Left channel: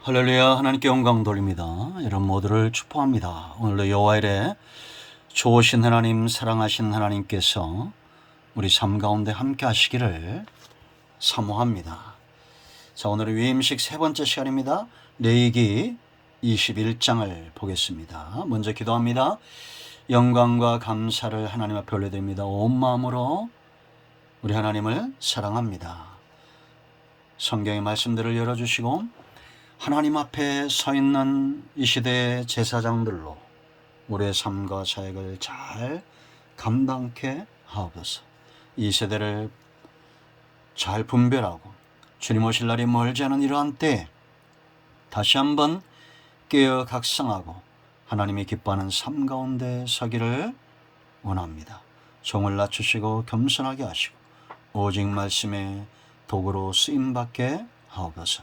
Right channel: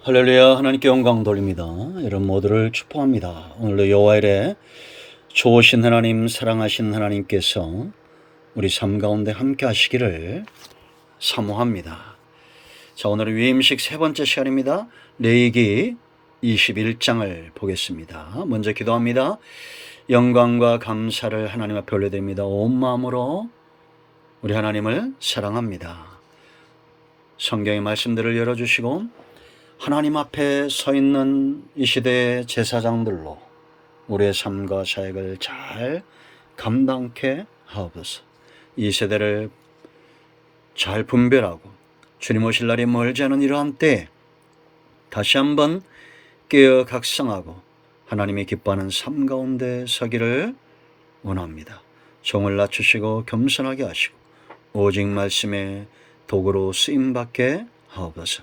할렐루야. 하나님께 영광 돌립니다. 여러분 모두를 축복합니다. 오늘도 여호와의 좋으신 하나님, 사랑하신 하나님께서 우리 삶 가운데 함께 하시기를 사모합니다. 자, 오늘은 위임식 세 번째 시간입니다. 레위기 21장을 보겠습니다. 먼저 기도합니다. 영광과 감사를 하나님 앞에 올려드립니다. 온 마음으로 우리 하나님을 사랑합니다. 성경의 말씀들을 열어주시고 하나님 앞에 서 있는 이 시대의 제사장들로 우리의 삶과 사역을 잘 감당케 하옵소서. 이 세대를 잘 분별하고 주님 오실 날이 멀지 않은 이러한 때에 다시 한번 깨어 각성하고 하나님이 기뻐하는 삶 가운데 서기를 원합니다. 종을 낮추시고 겸손하게 하시고 오직 말씀의 도구로 쓰임받게 하옵소서.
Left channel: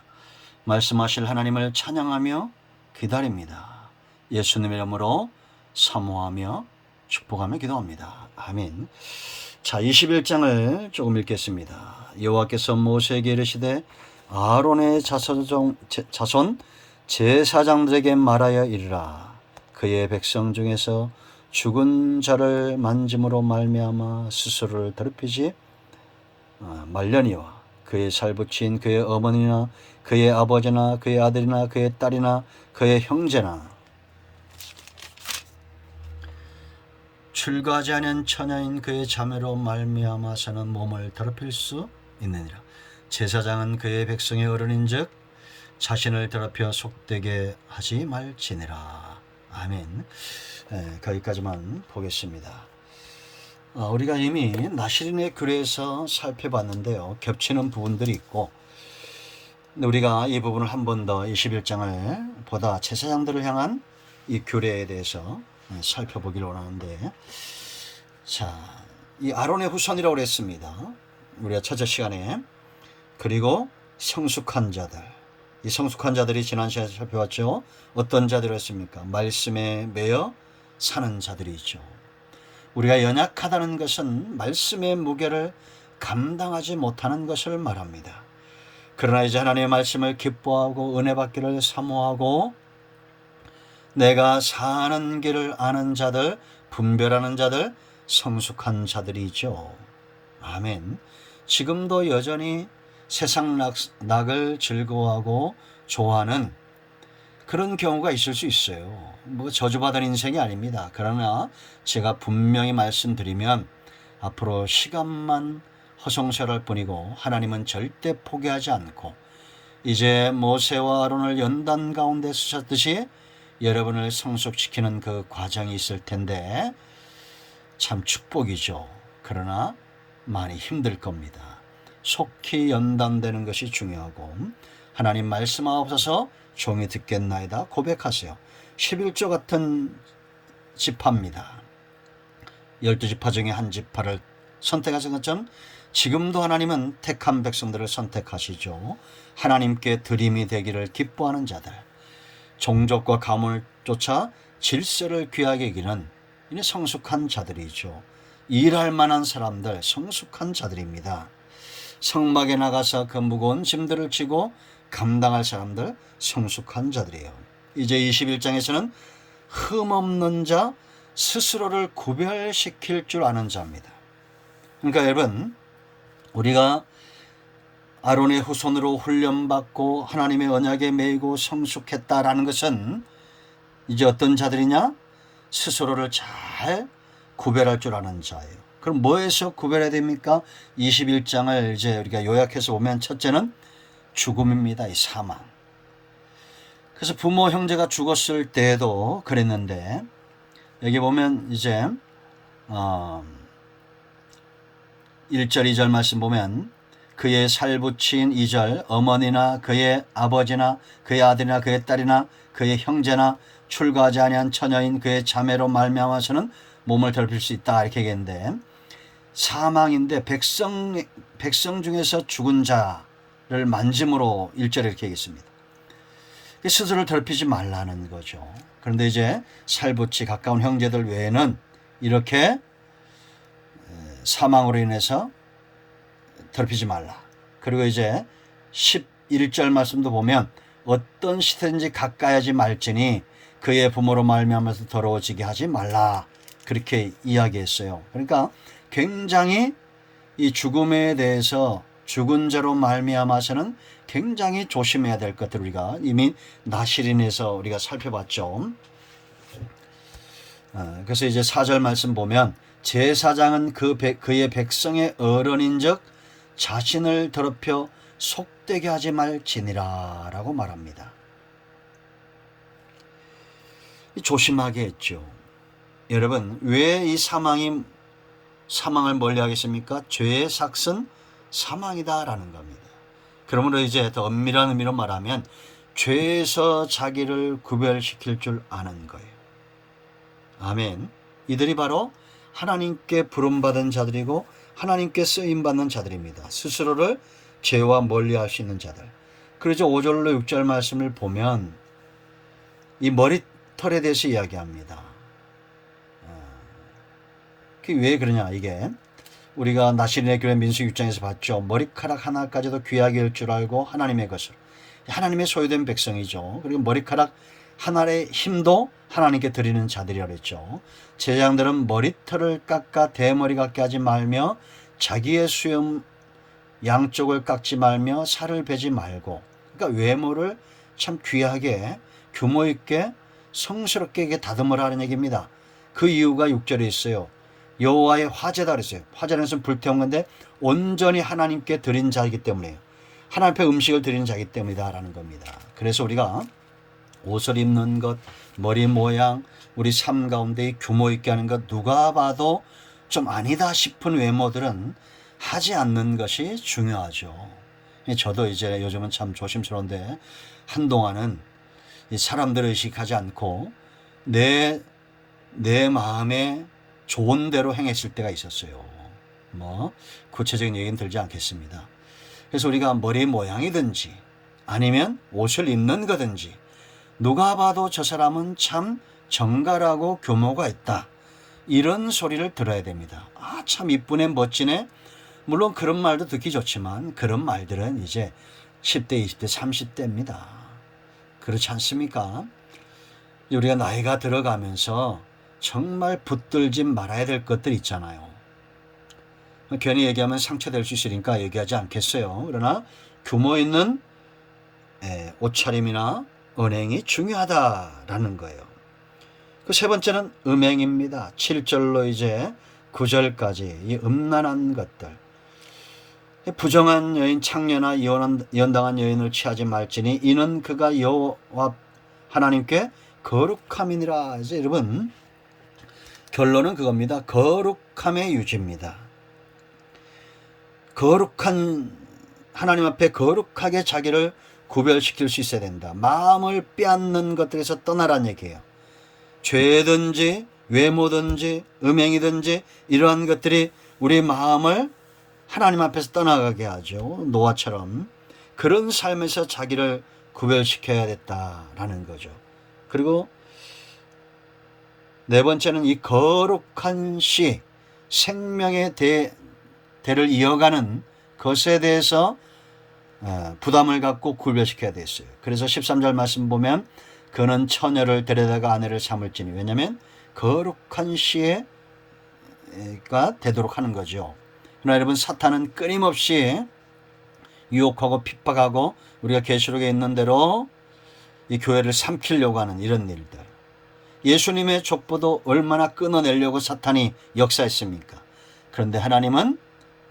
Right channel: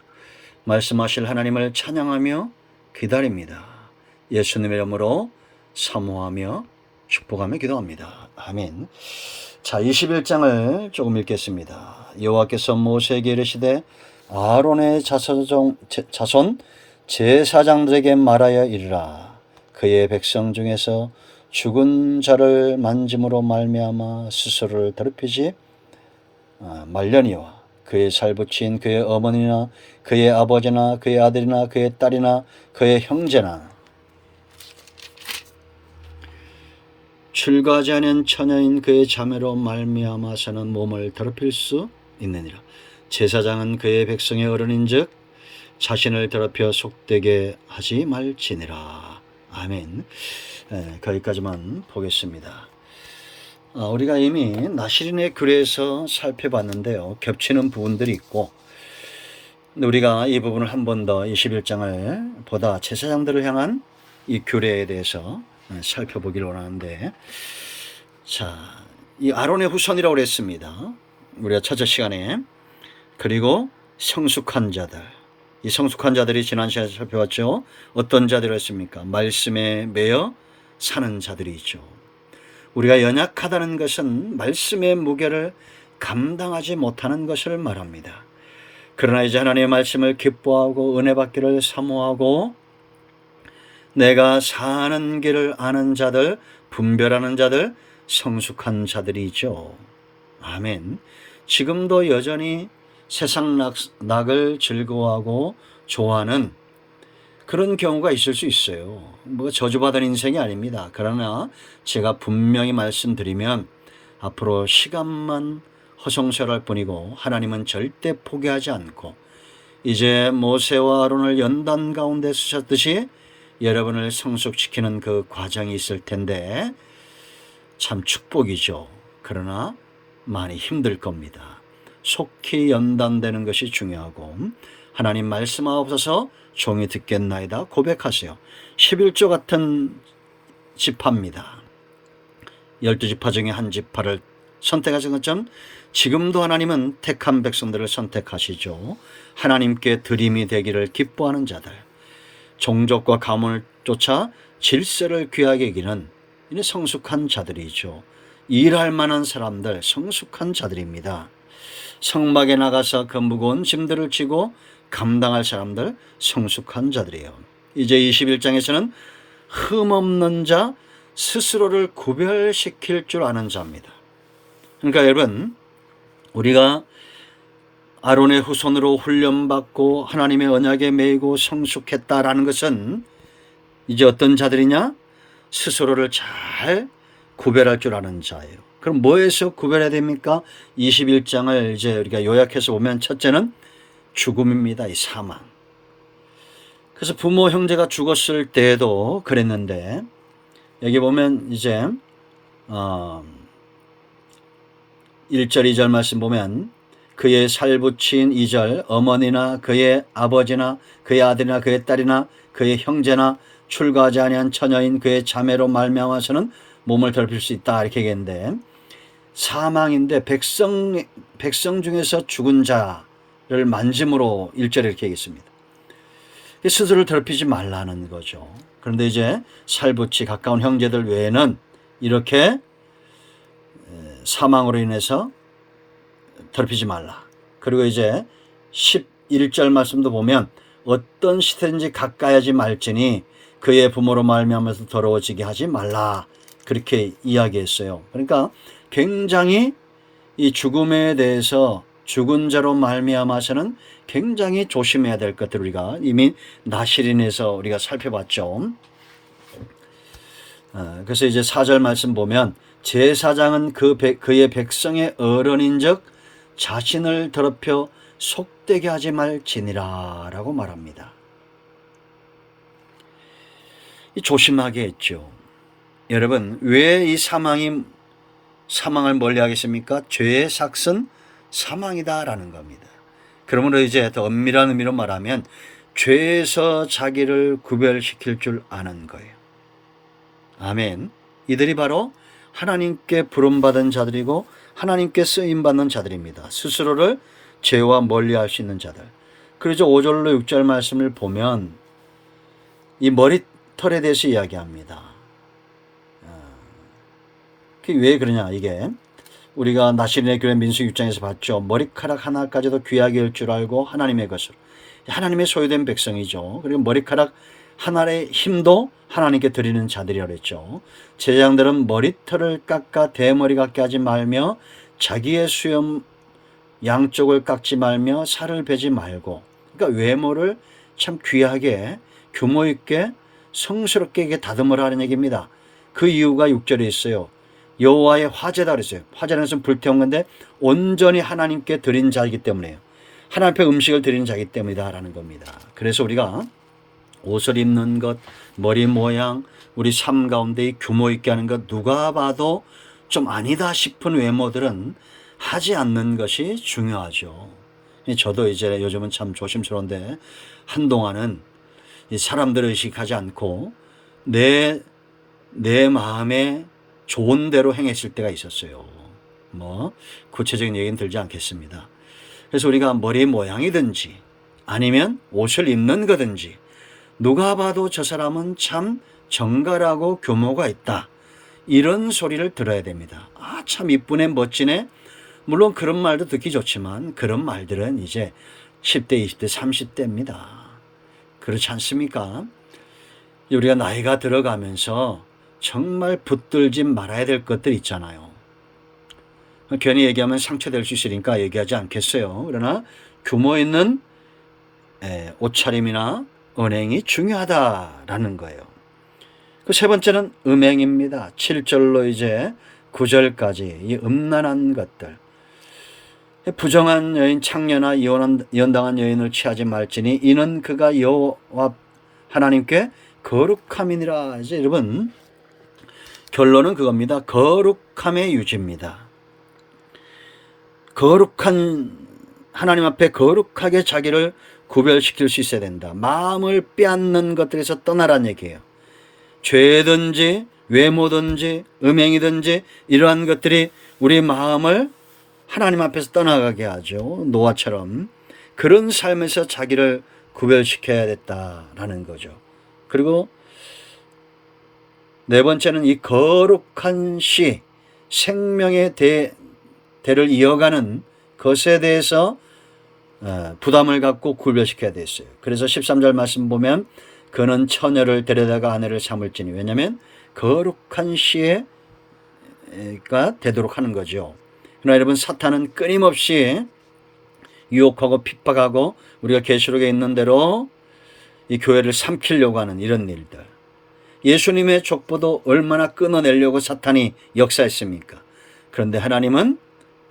말씀하실 하나님을 찬양하며 기다립니다. 예수님의 이름으로 사모하며 축복하며 기도합니다. 아멘. 자, 21장을 조금 읽겠습니다. 여호와께서 모세에게 이르시되 아론의 자손 제사장들에게 말하여 이르라. 그의 백성 중에서 죽은 자를 만짐으로 말미암아 스스로를 더럽히지 말려니와 그의 살붙인 그의 어머니나 그의 아버지나 그의 아들이나 그의 딸이나 그의 형제나 출가하지 않은 처녀인 그의 자매로 말미암아서는 몸을 더럽힐 수 있느니라. 제사장은 그의 백성의 어른인즉 자신을 더럽혀 속되게 하지 말지니라. 아멘. 거기까지만 보겠습니다. 우리가 이미 나시린의 규례에서 살펴봤는데요. 겹치는 부분들이 있고 우리가 이 부분을 한 번 더 21장을 보다 제사장들을 향한 이 규례에 대해서 살펴보기를 원하는데, 자, 이 아론의 후손이라고 그랬습니다. 우리가 첫째 시간에. 그리고 성숙한 자들, 이 성숙한 자들이 지난 시간에 살펴봤죠. 어떤 자들이었습니까? 말씀에 매여 사는 자들이죠. 우리가 연약하다는 것은 말씀의 무게를 감당하지 못하는 것을 말합니다. 그러나 이제 하나님의 말씀을 기뻐하고 은혜 받기를 사모하고 내가 사는 길을 아는 자들, 분별하는 자들, 성숙한 자들이죠. 아멘. 지금도 여전히 세상 낙을 즐거워하고 좋아하는 그런 경우가 있을 수 있어요. 뭐 저주받은 인생이 아닙니다. 그러나 제가 분명히 말씀드리면 앞으로 시간만 허송세월할 뿐이고 하나님은 절대 포기하지 않고 이제 모세와 아론을 연단 가운데 쓰셨듯이 여러분을 성숙시키는 그 과정이 있을 텐데 참 축복이죠. 그러나 많이 힘들 겁니다. 속히 연단되는 것이 중요하고 하나님 말씀하옵소서 종이 듣겠나이다 고백하세요. 11조 같은 지파입니다. 12지파 중에 한 지파를 선택하신 것처럼 지금도 하나님은 택한 백성들을 선택하시죠. 하나님께 드림이 되기를 기뻐하는 자들, 종족과 가문을 쫓아 질서를 귀하게 여기는 성숙한 자들이죠. 일할 만한 사람들, 성숙한 자들입니다. 성막에 나가서 그 무거운 짐들을 지고 감당할 사람들, 성숙한 자들이에요. 이제 21장에서는 흠없는 자, 스스로를 구별시킬 줄 아는 자입니다. 그러니까 여러분, 우리가 아론의 후손으로 훈련받고 하나님의 언약에 매이고 성숙했다라는 것은 이제 어떤 자들이냐? 스스로를 잘 구별할 줄 아는 자예요. 그럼 뭐에서 구별해야 됩니까? 21장을 이제 우리가 요약해서 보면 첫째는 죽음입니다. 이 사망. 그래서 부모 형제가 죽었을 때에도 그랬는데 여기 보면 이제 1절 2절 말씀 보면 그의 살붙인 2절 어머니나 그의 아버지나 그의 아들이나 그의 딸이나 그의 형제나 출가하지 아니한 처녀인 그의 자매로 말미암아서는 몸을 더럽힐 수 있다 이렇게 얘기했는데 사망인데 백성 중에서 죽은 자를 만짐으로 1절에 이렇게 얘기했습니다. 스스로를 더럽히지 말라는 거죠. 그런데 이제 살붙이 가까운 형제들 외에는 이렇게 사망으로 인해서 더럽히지 말라. 그리고 이제 11절 말씀도 보면 어떤 시든지 가까이 하지 말지니 그의 부모로 말미암아서 더러워지게 하지 말라. 그렇게 이야기했어요. 그러니까 굉장히 이 죽음에 대해서 죽은 자로 말미암아서는 굉장히 조심해야 될 것들 우리가 이미 나실인에서 우리가 살펴봤죠. 그래서 이제 4절 말씀 보면 제사장은 그의 백성의 어른인즉 자신을 더럽혀 속되게 하지 말지니라 라고 말합니다. 조심하게 했죠. 여러분, 왜 이 사망을 멀리하겠습니까? 죄의 삭은 사망이다라는 겁니다. 그러므로 이제 더 엄밀한 의미로 말하면 죄에서 자기를 구별시킬 줄 아는 거예요. 아멘. 이들이 바로 하나님께 부름받은 자들이고 하나님께 쓰임받는 자들입니다. 스스로를 죄와 멀리할 수 있는 자들. 그래서 5절로 6절 말씀을 보면 이 머리털에 대해서 이야기합니다. 왜 그러냐, 이게 우리가 나시린의 교회 민수기 6장에서 봤죠. 머리카락 하나까지도 귀하게 할 줄 알고 하나님의 것으로, 하나님의 소유된 백성이죠. 그리고 머리카락 하나의 힘도 하나님께 드리는 자들이라고 했죠. 제사장들은 머리털을 깎아 대머리 같게 하지 말며 자기의 수염 양쪽을 깎지 말며 살을 베지 말고, 그러니까 외모를 참 귀하게 규모 있게 성스럽게 다듬으라 하는 얘기입니다. 그 이유가 6절에 있어요. 여호와의 화제다 그랬어요. 화제라는 것은 불태운 건데 온전히 하나님께 드린 자이기 때문에요. 하나님 앞에 음식을 드리는 자이기 때문이다 라는 겁니다. 그래서 우리가 옷을 입는 것, 머리 모양, 우리 삶 가운데 규모 있게 하는 것, 누가 봐도 좀 아니다 싶은 외모들은 하지 않는 것이 중요하죠. 저도 이제 요즘은 참 조심스러운데 한동안은 사람들을 의식하지 않고 내 마음에 좋은 대로 행했을 때가 있었어요. 구체적인 얘기는 들지 않겠습니다. 그래서 우리가 머리 모양이든지 아니면 옷을 입는 거든지 누가 봐도 저 사람은 참 정갈하고 규모가 있다, 이런 소리를 들어야 됩니다. 참 이쁘네, 멋지네. 물론 그런 말도 듣기 좋지만 그런 말들은 이제 10대, 20대, 30대입니다. 그렇지 않습니까? 우리가 나이가 들어가면서 정말 붙들지 말아야 될 것들 있잖아요. 괜히 얘기하면 상처될 수 있으니까 얘기하지 않겠어요. 그러나 규모 있는 옷차림이나 언행이 중요하다라는 거예요. 그 세 번째는 음행입니다. 7절로 이제 9절까지 이 음란한 것들. 부정한 여인, 창녀나 이혼당한 여인을 취하지 말지니 이는 그가 여호와 하나님께 거룩함이니라. 이제 여러분, 결론은 그겁니다. 거룩함의 유지입니다. 거룩한 하나님 앞에 거룩하게 자기를 구별시킬 수 있어야 된다. 마음을 빼앗는 것들에서 떠나라는 얘기예요. 죄든지 외모든지 음행이든지 이러한 것들이 우리 마음을 하나님 앞에서 떠나가게 하죠. 노아처럼 그런 삶에서 자기를 구별시켜야 됐다라는 거죠. 그리고 네 번째는 이 거룩한 씨, 생명의 대를 이어가는 것에 대해서 부담을 갖고 구별시켜야 됐어요. 그래서 13절 말씀 보면 그는 처녀를 데려다가 아내를 삼을지니, 왜냐하면 거룩한 씨가 되도록 하는 거죠. 그러나 여러분, 사탄은 끊임없이 유혹하고 핍박하고 우리가 계시록에 있는 대로 이 교회를 삼키려고 하는 이런 일들. 예수님의 족보도 얼마나 끊어내려고 사탄이 역사했습니까? 그런데 하나님은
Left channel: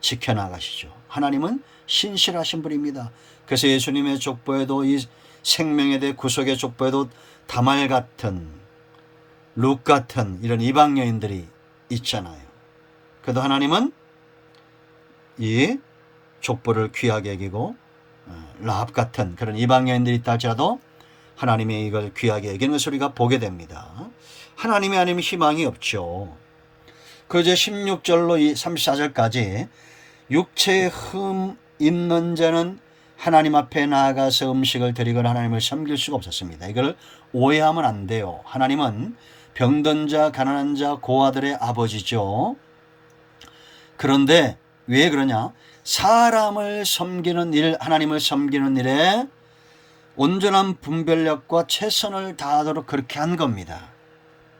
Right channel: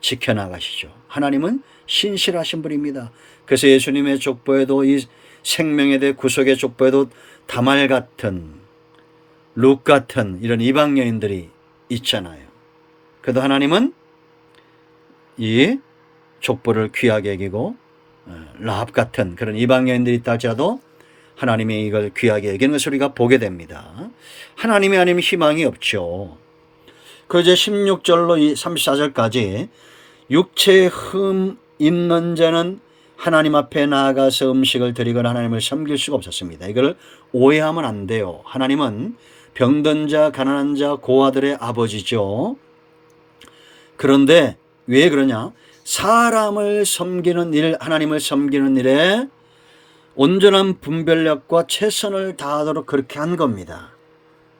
지켜나가시죠. 하나님은 신실하신 분입니다. 그래서 예수님의 족보에도 이 생명에 대해 구속의 족보에도 다말 같은, 룩 같은 이런 이방 여인들이 있잖아요. 그래도 하나님은 이 족보를 귀하게 여기고 라합 같은 그런 이방 여인들이 있다 할지라도 하나님이 이걸 귀하게 여기는 것을 우리가 보게 됩니다. 하나님이 아니면 희망이 없죠. 그 이제 16절로 34절까지 육체의 흠 있는 자는 하나님 앞에 나아가서 음식을 드리거나 하나님을 섬길 수가 없었습니다. 이걸 오해하면 안 돼요. 하나님은 병든 자, 가난한 자, 고아들의 아버지죠. 그런데 왜 그러냐? 사람을 섬기는 일, 하나님을 섬기는 일에 온전한 분별력과 최선을 다하도록 그렇게 한 겁니다.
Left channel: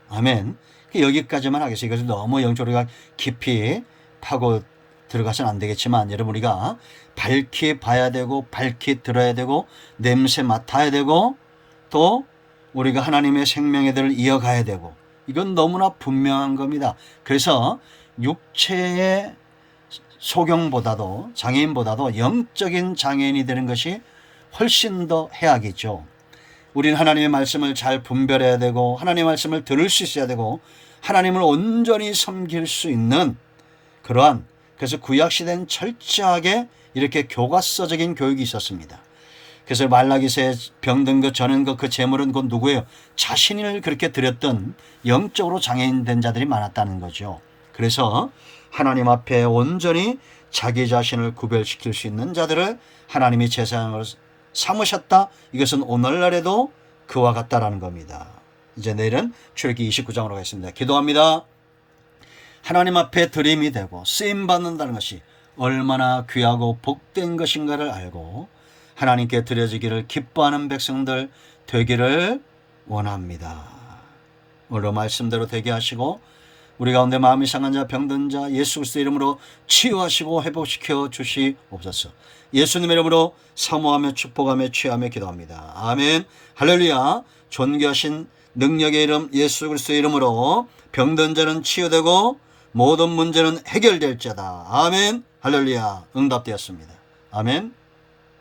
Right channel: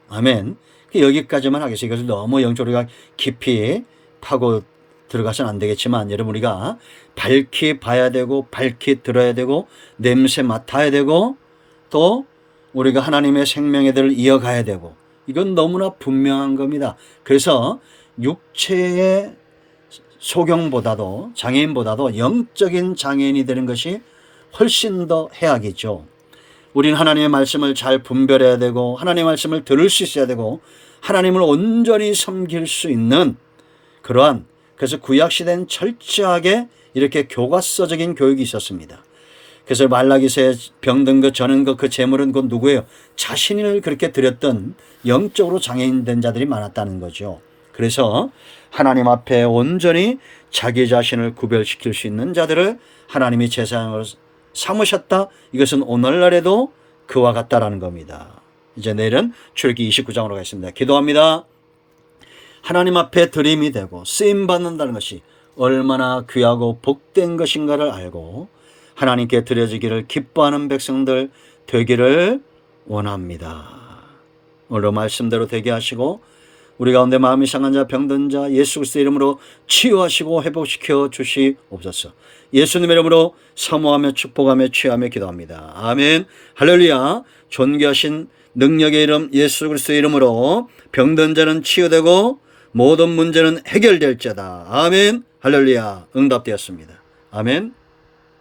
아멘. 여기까지만 하겠습니다. 이것을 너무 영적으로 깊이 파고 들어가서는 안 되겠지만 여러분 우리가 밝히 봐야 되고 밝히 들어야 되고 냄새 맡아야 되고 또 우리가 하나님의 생명의 들을 이어가야 되고 이건 너무나 분명한 겁니다. 그래서 육체의 소경보다도 장애인보다도 영적인 장애인이 되는 것이 훨씬 더 해악이죠. 우리는 하나님의 말씀을 잘 분별해야 되고 하나님의 말씀을 들을 수 있어야 되고 하나님을 온전히 섬길 수 있는 그러한 그래서 구약시대는 철저하게 이렇게 교과서적인 교육이 있었습니다. 그래서 말라기서에 병든 것 저는 것 그 재물은 곧 누구예요? 자신을 그렇게 드렸던 영적으로 장애인 된 자들이 많았다는 거죠. 그래서 하나님 앞에 온전히 자기 자신을 구별시킬 수 있는 자들을 하나님이 제사장으로 삼으셨다. 이것은 오늘날에도 그와 같다라는 겁니다. 이제 내일은 출애굽기 29장으로 가겠습니다. 기도합니다. 하나님 앞에 드림이 되고 쓰임 받는다는 것이 얼마나 귀하고 복된 것인가를 알고 하나님께 드려지기를 기뻐하는 백성들 되기를 원합니다. 오늘 말씀대로 되게 하시고 우리 가운데 마음이 상한 자 병든 자 예수 그리스도의 이름으로 치유하시고 회복시켜 주시옵소서. 예수님의 이름으로 사모하며 축복하며 취하며 기도합니다. 아멘. 할렐루야. 존귀하신 능력의 이름 예수 그리스도의 이름으로 병든 자는 치유되고 모든 문제는 해결될 자다. 아멘. 할렐루야. 응답되었습니다. 아멘.